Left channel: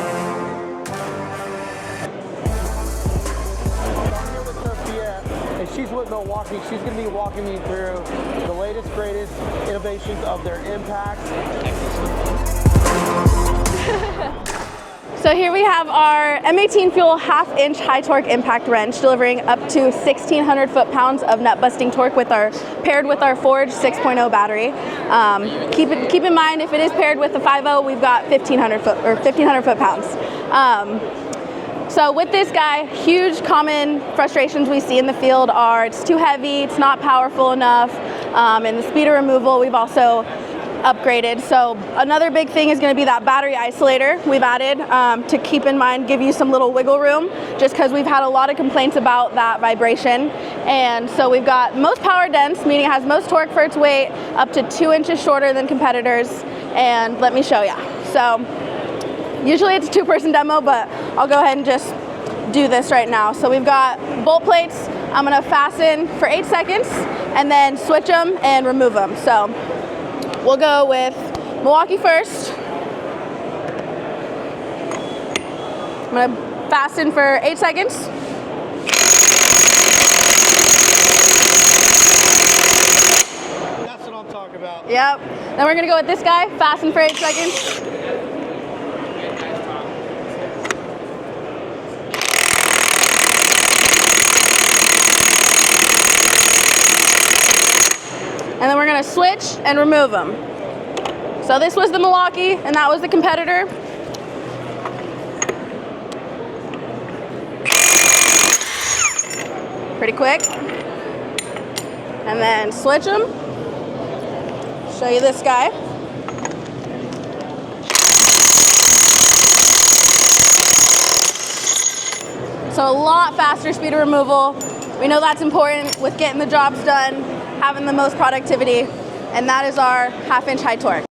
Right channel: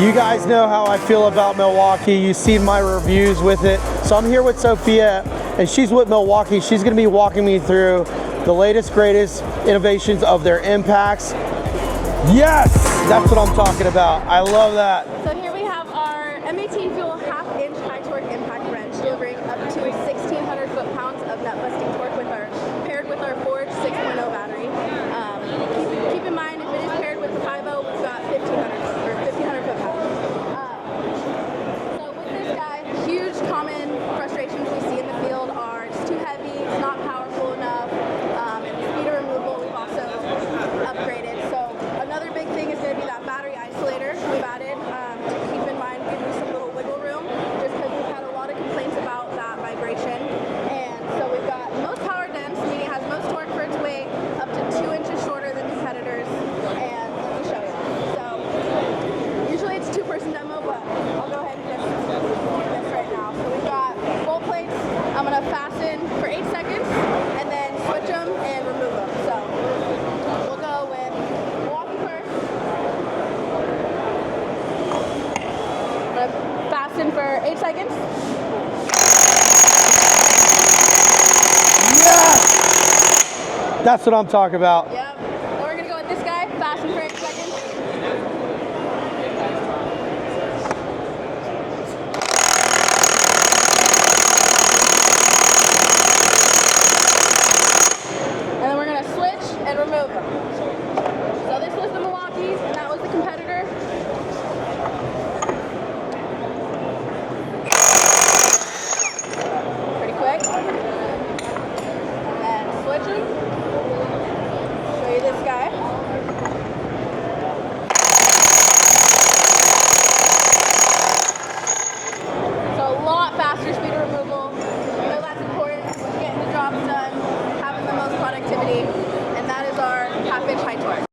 You guys know how I feel about Milwaukee. You've seen my reviews with it. So I'm here with Sophia, and she's with Milwaukee. She's going to be walking me through the latest, greatest innovations of their impacts. Yes, that's what I'm talking about. I love that. So here we have our M18 Fuel half-inch high-torque impact wrench, delivering up to 1,600 foot-pounds of nut-busting torque paired with our Forge 6.0 battery. Keep in mind, if it is paired with the 5.0, we've got 1,500 foot-pounds. So with this guy, huge common frustrations we see in the field are it's too heavy, it's not powerful enough, and the speed of removal we've also upgraded. So another big thing is going to be that battery isolator we've added to keep in mind, give you some little wiggle room, just because we've had a lot of complaints about that vibration. And so we've got most power dense, meaning it has most torque for its weight, up to 2 inches shorter than competitors. And let me show you. So usually it's a two-person demo, but I'll go ahead and just do this right now. So we've got bolt plates. I'm going to fasten for 8 seconds and then switch them and remove them. So we'll go with Milwaukee first. I'm going to fasten for 8 seconds. Yeah. That's what I'm talking about. Yep. Then we're going to go with this guy, fasten for 8 seconds. And then we're going to switch and remove them. So this was the Milwaukee, and that was the competitor. Pretty quick. And then switch them. Show you this guy. So a lot faster speed of removal. We know that's important with getting the jobs done, having the most productivity, and that is our half-inch high torque.